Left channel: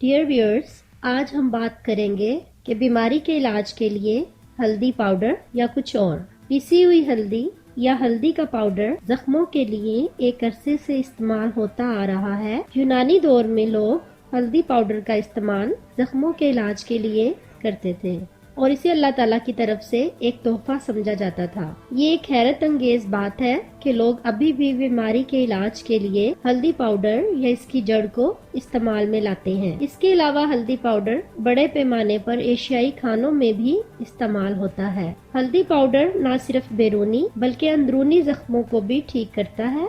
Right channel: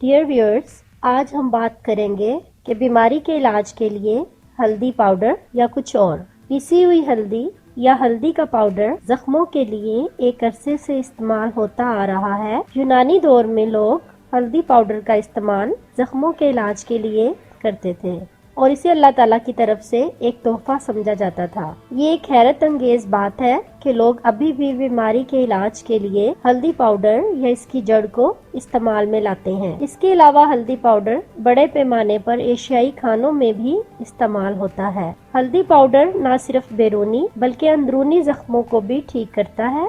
Dear viewers, آج ہم بات کریں گے کہ بیماری کے علاج کے لیے ہلدی پاؤڈر یا کچھ اور۔ پیسی ہوئی ہلدی یا ہلدی کا پاؤڈر زخموں کے لیے ایک عرصے سے استعمال ہوتا آ رہا ہے۔ یونانی دور میں لوگ ہلدی پاؤڈر کا استعمال زخموں کے علاج کے لیے کرتے تھے اور اسے اللہ تعالیٰ کی طرف سے ایک تحفہ سمجھا جاتا تھا۔ یہ ایک حیرت انگیز بات ہے کہ لوگ ابھی بھی بیماری کے علاج کے لیے ہلدی پاؤڈر یا اس کی جڑ کو استعمال میں لاتے ہیں۔ اس کے علاوہ ہلدی پاؤڈر بڑے پیمانے پر ایشیائی کھانوں میں بھی استعمال ہوتا ہے۔ ہلدی پاؤڈر نہ صرف بیرونی بلکہ اندرونی زخموں کو بھی ٹھیک کرتا ہے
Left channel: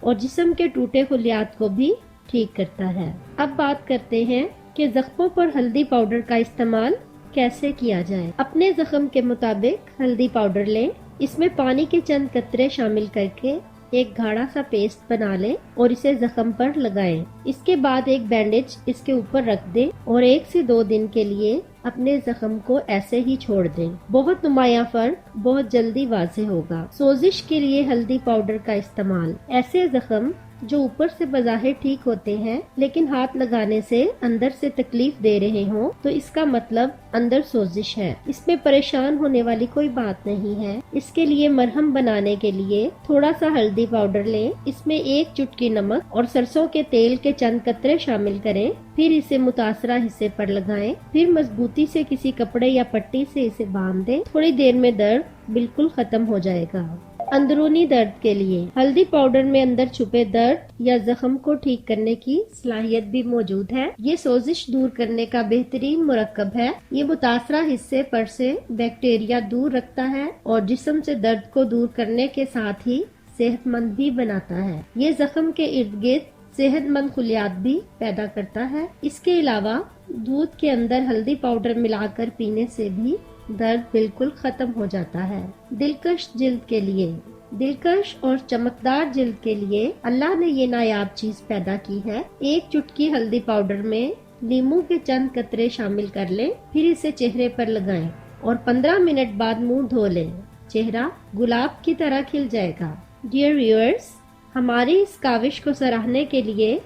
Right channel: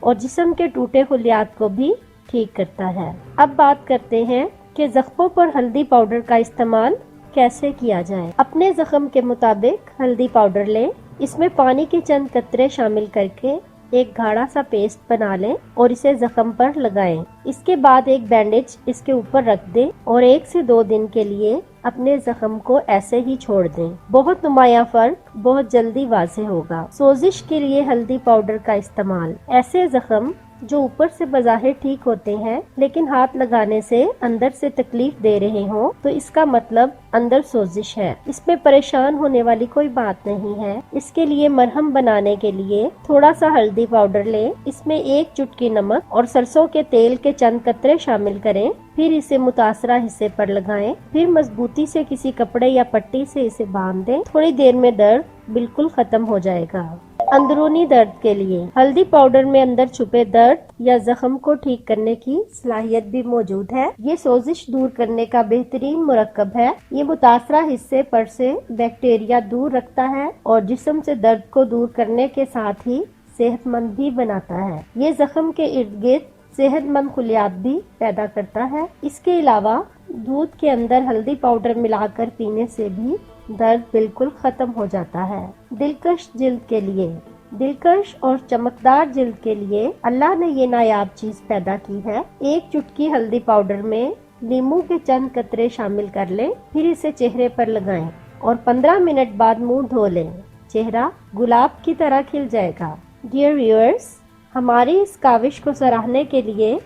اور جسم کے ٹوٹے خلیات کو بھی ٹھیک کرتا ہے۔ اب بات کرتے ہیں کہ زخموں پر ہلدی پاؤڈر کا استعمال کیسے کیا جائے۔ اپنے زخم کے مطابق ہلدی پاؤڈر لیں، اس میں پانی کے چند قطرے شامل کر کے ایک گاڑھا سا پیسٹ بنا لیں اور اسے زخم پر لگائیں۔ اس کے بعد ایک بینڈیج اس کے اوپر رکھ دیں اور 1 سے 2 دن کے لیے اپنے زخم کو ایسے ہی چھوڑ دیں۔ بہت نمایاں فرق بہت جلدی واضح ہوگا۔ سوزش کے لیے ہلدی پاؤڈر کا استعمال۔ ایسے زخم جو اوپر سے بظاہر ٹھیک ہوتے ہیں لیکن ہاتھ لگانے سے اندر سے تکلیف دے رہے ہوں تو اس کا مطلب اندر سوزش ہے۔ اس میں پریشان ہونے والی کوئی بات نہیں ہے۔ اس کے لیے مرہم بنانے کے لیے تھوڑا سا ہلدی پاؤڈر لیں، اس میں 1 چٹکی نمک اور سرسوں کے تیل کے چند قطرے شامل کریں، پھر اسے متاثرہ حصے پر لگائیں، پھر مضبوطی سے کسی کپڑے یا پٹی سے اسے باندھ دیں۔ تھوڑی دیر میں درد بالکل ختم ہو جائے گا۔ اندرونی درد کے لیے ہلدی پاؤڈر میں اندر چھپے درد یا زخم کو ٹھیک کرنے کی صلاحیت بھی موجود ہے۔ یہ سوزش دور کرنے کا بہترین مرکب ہے۔ یہ متاثرہ حصے پر سے بیکٹیریا دور رکھتا ہے اور جسم سے درد کو دور کرنے کے ساتھ ہی صحت مند بھی بناتا ہے۔ یہ زخم کے ارد گرد صحت مند خلیات بھی پیدا کرتا ہے۔ اس کے علاوہ دودھ کے اندر ہلدی پاؤڈر ملا کر پینے سے بھی درد بالکل ختم ہو جاتا ہے۔ دلکش جلد کے لیے دلکش اور چمکدار جلد کے لیے اللہ نے یہ نایاب چیز پیدا کی ہے۔ 1 چٹکی ہلدی پاؤڈر میں لیموں کے چند قطرے شامل کر لیں، پھر اسے چہرے پر لگائیں اور 15 منٹ بعد منہ دھو لیں۔ چہرہ گلاب کی طرح کھل جائے گا۔ ڈیئر ویورز، ہماری اس کاوش کو سراہنے کے لیے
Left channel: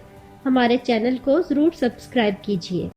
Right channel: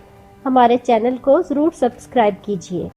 ہمارے چینل کو ضرور سبسکرائب کیجیے۔